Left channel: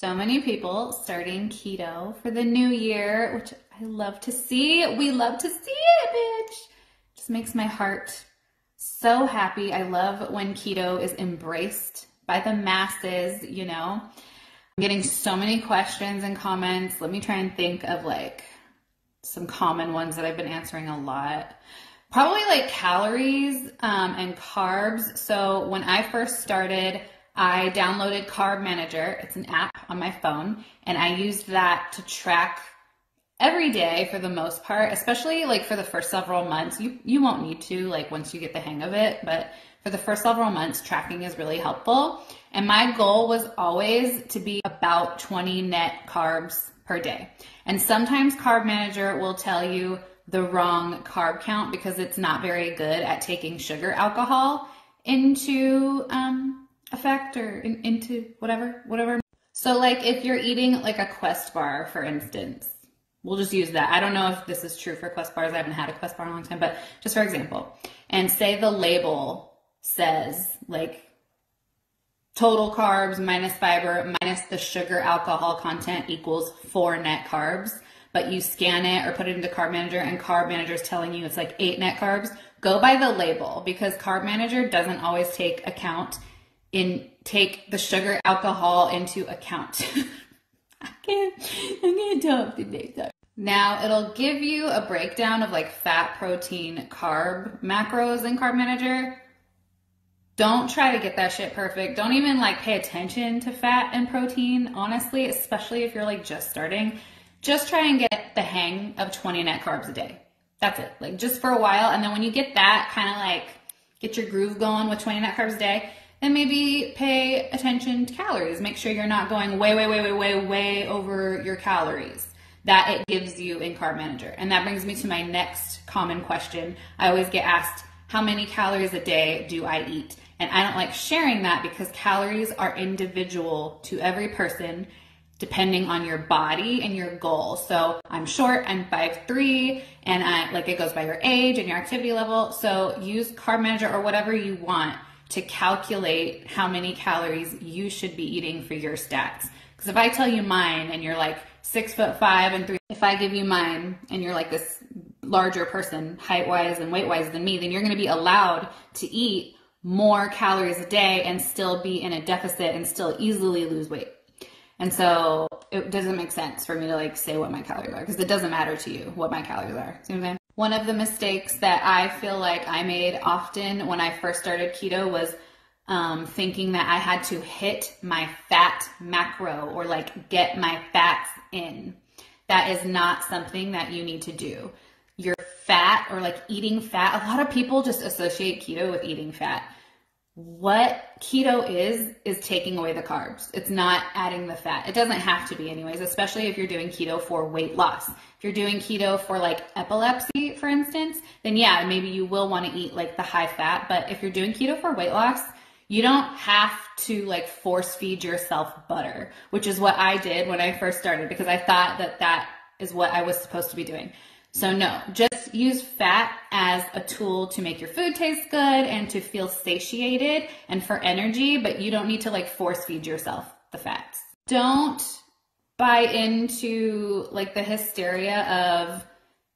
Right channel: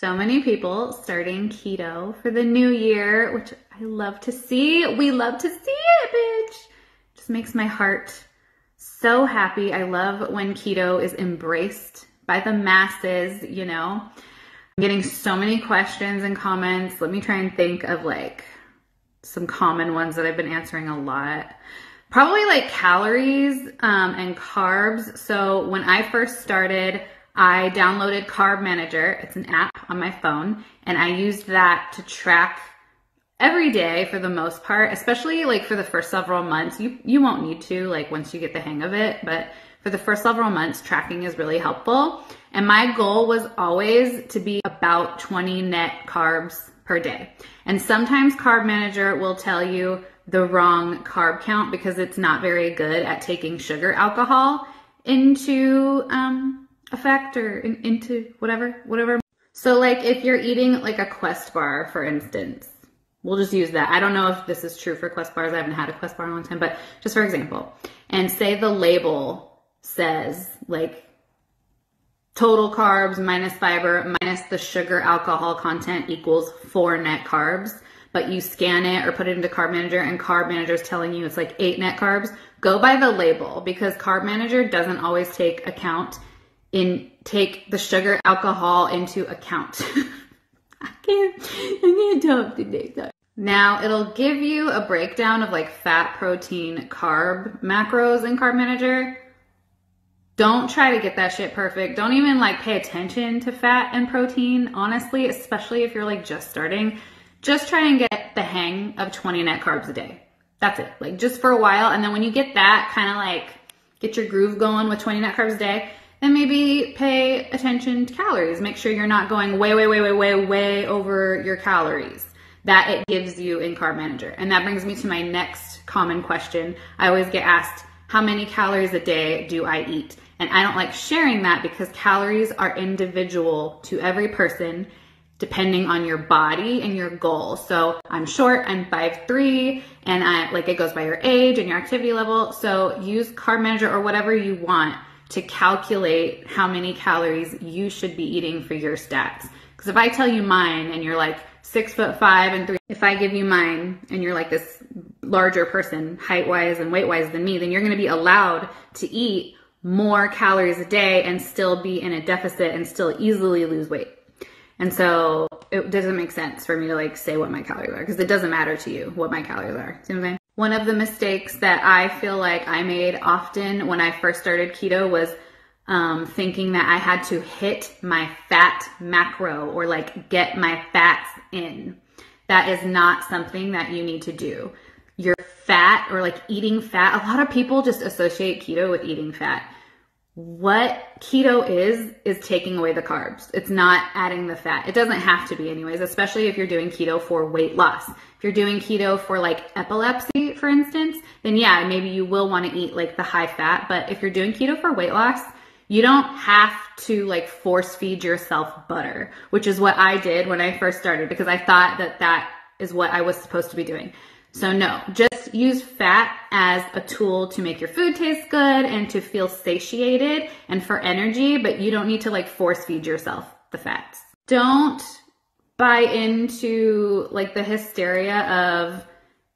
So many people starting keto for the new year, which I love to see. We love to see it, bitch. Just makes my heart so happy. I love when keto is embraced by the masses, you know. I'm getting so many questions and comments. Let me try and think of like some common ones that I've been answering a lot. Probably like calories and carbs. So when I first started, I downloaded Carb Manager. It's an app on my phone, and I used that to track every day for the most part, especially like for the first several months. You won't need to like once you get the hang of it, but for the first several months, tracking is really helpful. And my goal was always to be about 20 net carbs per day. And sometimes Carb Manager will tell you the wrong carb count because it's not very good at taking sugar alcohol into effect or into whatever. So like if you're eating like a Quest bar, for instance, we'll just use that. I don't know if this is true for Quest bars. I haven't had a Quest bar in a long time, but just for example, and say the label says like total carbs minus fiber minus the sugar alcohol content equals 4 net carbs, but you scan it or put it into Carb Manager and Carb Manager is telling you it's like 8 net carbs. Go by the label because Carb Manager doesn't always take the sugar alcohol into account. I can't talk today. Now it'll give you a breakdown of like fat, protein, carb macros in Carb Manager. Don't try to get that shit perfect. Don't even like pay attention to fat and protein, honestly, especially if you're like just starting. Just try and get the hang of 20 net carbs a day. That's it. Like just for a while. And then when you get that, kind of like get your groove going with 20 net carbs a day, then maybe pay attention to calories. Make sure you're not going way over your calories that it gives you in Carb Manager. And that brings me to my next common question. I always get asked, how many calories a day do I eat? And I don't like sharing that because calories are individual to every person depending on your body and your goal. So I'm short, I'm 5'3", and it goes by your age and your activity level. So use Carb Manager or whatever you want to calculate how many calories you should be eating for your stats. Because if I tell you mine and you're like 6'5" and 3, if I give you mine and you're like this larger person, height-wise and weight-wise than me, then you're going to be allowed to eat more calories a day and still be in a deficit and still easily lose weight. And so it doesn't make sense for me to like say what my calories are because it doesn't matter to you what my calories are. See what I'm saying? One of the mistakes that I feel like I made often when I first started keto was thinking that I had to hit my fat macro or like get my fats in. That is not something that you need to do. Your fat or like eating fat, a lot of people just associate keto with eating fat. What keto is taking away the carbs. It's not adding the fat. It doesn't have to be anyways, especially if you're doing keto for weight loss. If you're doing keto for like epilepsy, for instance, then yeah, maybe you will want to eat like the high fat. But if you're doing keto for weight loss, you don't have to like force feed yourself butter, which is what I did when I first started because I thought that is what I was supposed to be doing. So no, just use fat as a tool to make your food taste good and to feel satiated and for energy, but you don't need to like force feed yourself the fats. Don't buy into like the hysteria of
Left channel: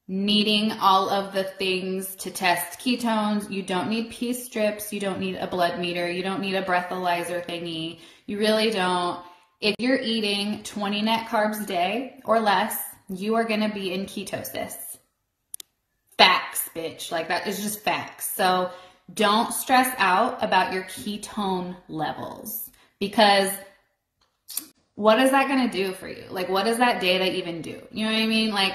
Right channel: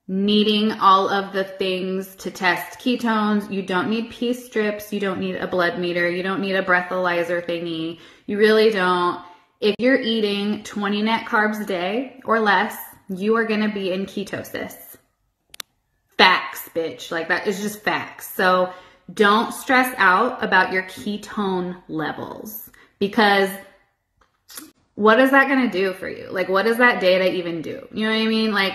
needing all of the things to test ketones. You don't need pee strips. You don't need a blood meter. You don't need a breathalyzer thingy. You really don't. If you're eating 20 net carbs a day or less, you are going to be in ketosis. Facts, bitch. Like that is just facts. So don't stress out about your ketone levels because what is that going to do for you? Like, what does that data even do? You know what I mean? Like,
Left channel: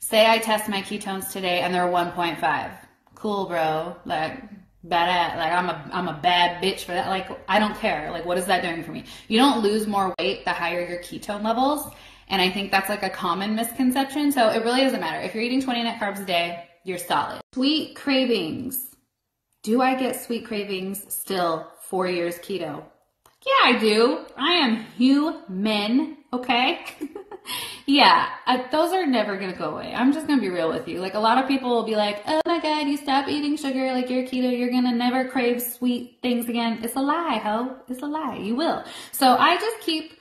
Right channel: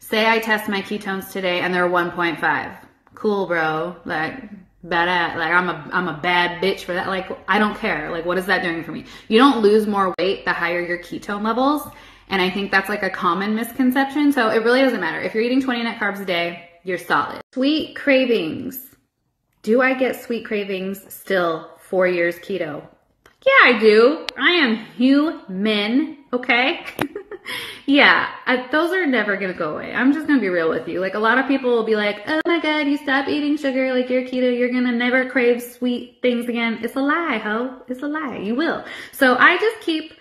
say I test my ketones today and they're 1.5. Cool, bro. Like, badass. Like, I'm a bad bitch for that. Like, I don't care. Like, what is that doing for me? You don't lose more weight the higher your ketone levels. And I think that's like a common misconception. So it really doesn't matter. If you're eating 20 net carbs a day, you're solid. Sweet cravings. Do I get sweet cravings still 4 years keto? Yeah, I do. I am human, okay? Yeah, those are never going to go away. I'm just going to be real with you. Like a lot of people will be like, oh my God, you stop eating sugar. Like you're keto. You're going to never crave sweet things again. It's a lie, ho. It's a lie. You will. So I just keep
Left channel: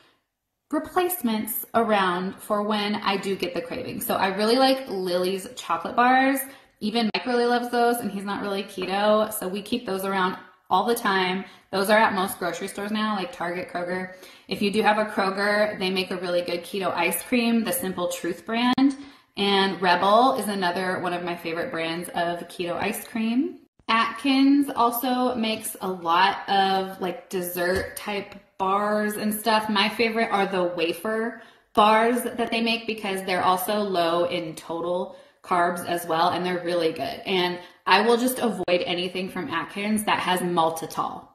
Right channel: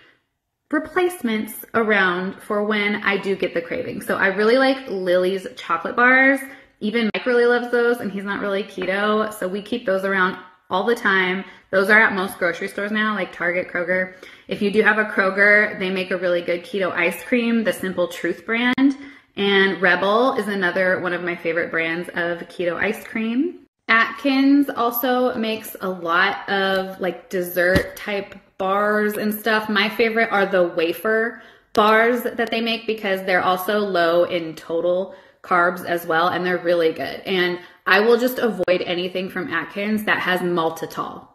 replacements around for when I do get the craving. So I really like Lily's chocolate bars. Even Mike really loves those, and he's not really keto, so we keep those around all the time. Those are at most grocery stores now, like Target, Kroger. If you do have a Kroger, they make a really good keto ice cream, the Simple Truth brand. And Rebel is another one of my favorite brands of keto ice cream. Atkins also makes a lot of like dessert type bars and stuff. My favorite are the wafer bars that they make because they're also low in total carbs as well, and they're really good. And I will just avoid anything from Atkins that has maltitol.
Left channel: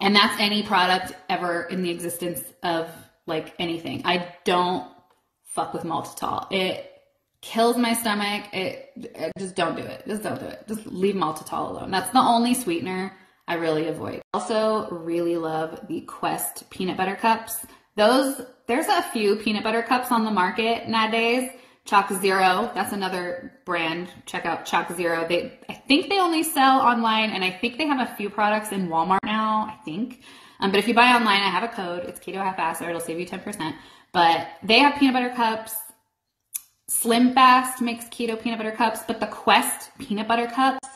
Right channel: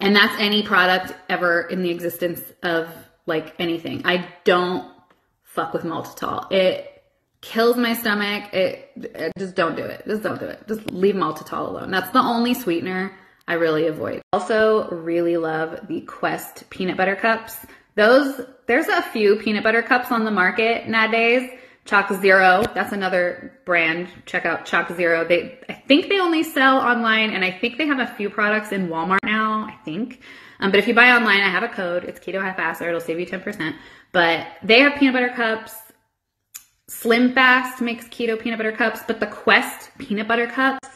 And that's any product ever in the existence of like anything. I don't fuck with maltitol. It kills my stomach. Just don't do it. Just don't do it. Just leave maltitol alone. That's the only sweetener I really avoid. Also really love the Quest peanut butter cups. There's a few peanut butter cups on the market nowadays. Chalk Zero, that's another brand. Check out Chalk Zero. I think they only sell online, and I think they have a few products in Walmart now, I think. But if you buy online, I have a code. It's Keto Half-Assed, it'll save you 10%. But they have peanut butter cups. Slim Fast makes keto peanut butter cups, but the Quest peanut butter cups,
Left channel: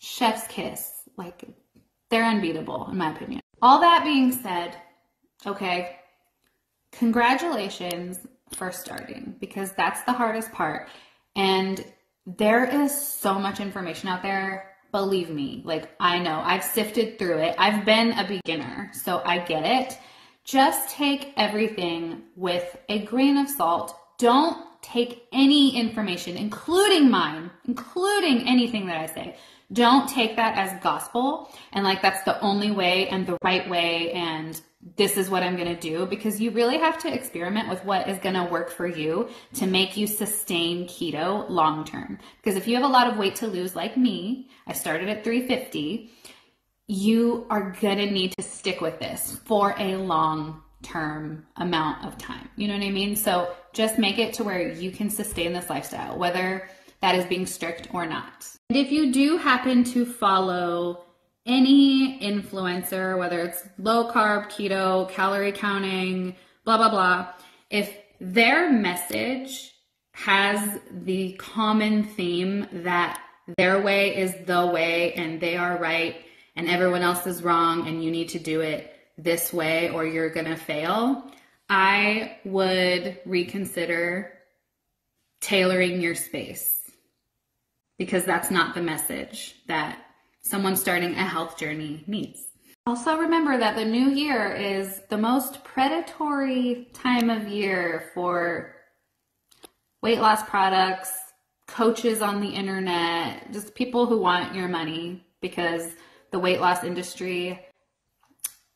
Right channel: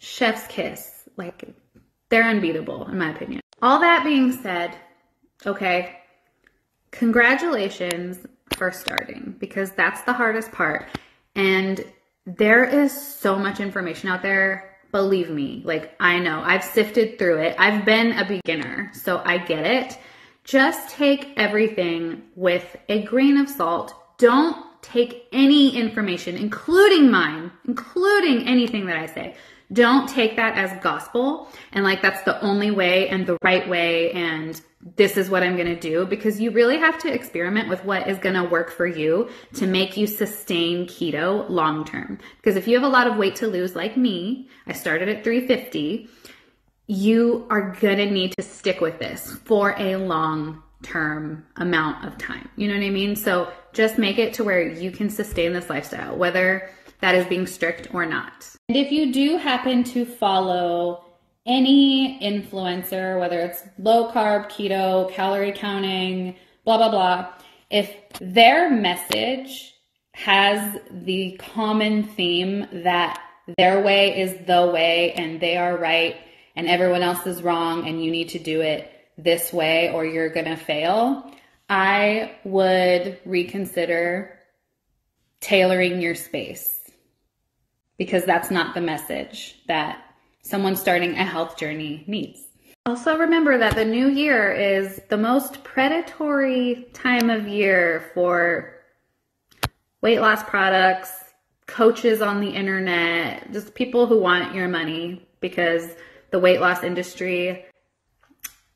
chef's kiss. Like, they're unbeatable, in my opinion. All that being said, okay, congratulations for starting, because that's the hardest part. And there is so much information out there. Believe me, like, I know I've sifted through it. I've been a beginner, so I get it. Just take everything with a grain of salt. Don't take any information, including mine, including anything that I say. Don't take that as gospel and like that's the only way and the right way and this is what I'm going to do, because you really have to experiment with what is going to work for you to make you sustain keto long term. Because if you have a lot of weight to lose like me, I started at 350, you are going to need to stick with this for a long term amount of time. You know what I mean? So just make it to where you can sustain this lifestyle, whether that is being strict or not. And if you do happen to follow any influencer, whether it's low carb, keto, calorie counting, blah, blah, blah, if their message has the common theme that their way is the way and they are right and everyone else is wrong and you need to do it this way or you're going to fail, I would reconsider tailoring your space, because that's not the message that someone starting a health journey needs. Also remember that the new year is the most predatory time of year for weight loss products, coaches on the internet, just people who want your money, because the weight loss industry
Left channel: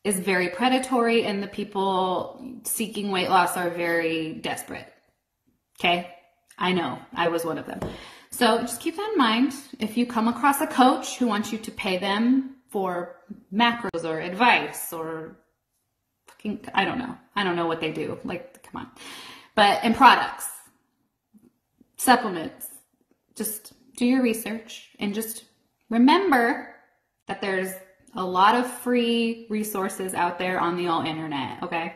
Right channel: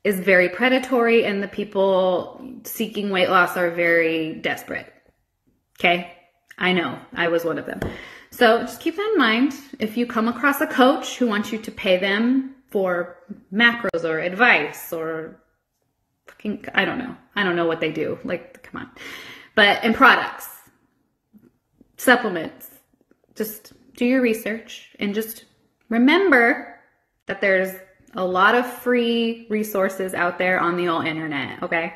is very predatory and the people seeking weight loss are very desperate. Okay? I know, I was one of them. So just keep that in mind. If you come across a coach who wants you to pay them for macros or advice or fucking, I don't know. I don't know what they do. Like, come on. But in products, supplements, just do your research and just remember that there's a lot of free resources out there on the old internet, okay?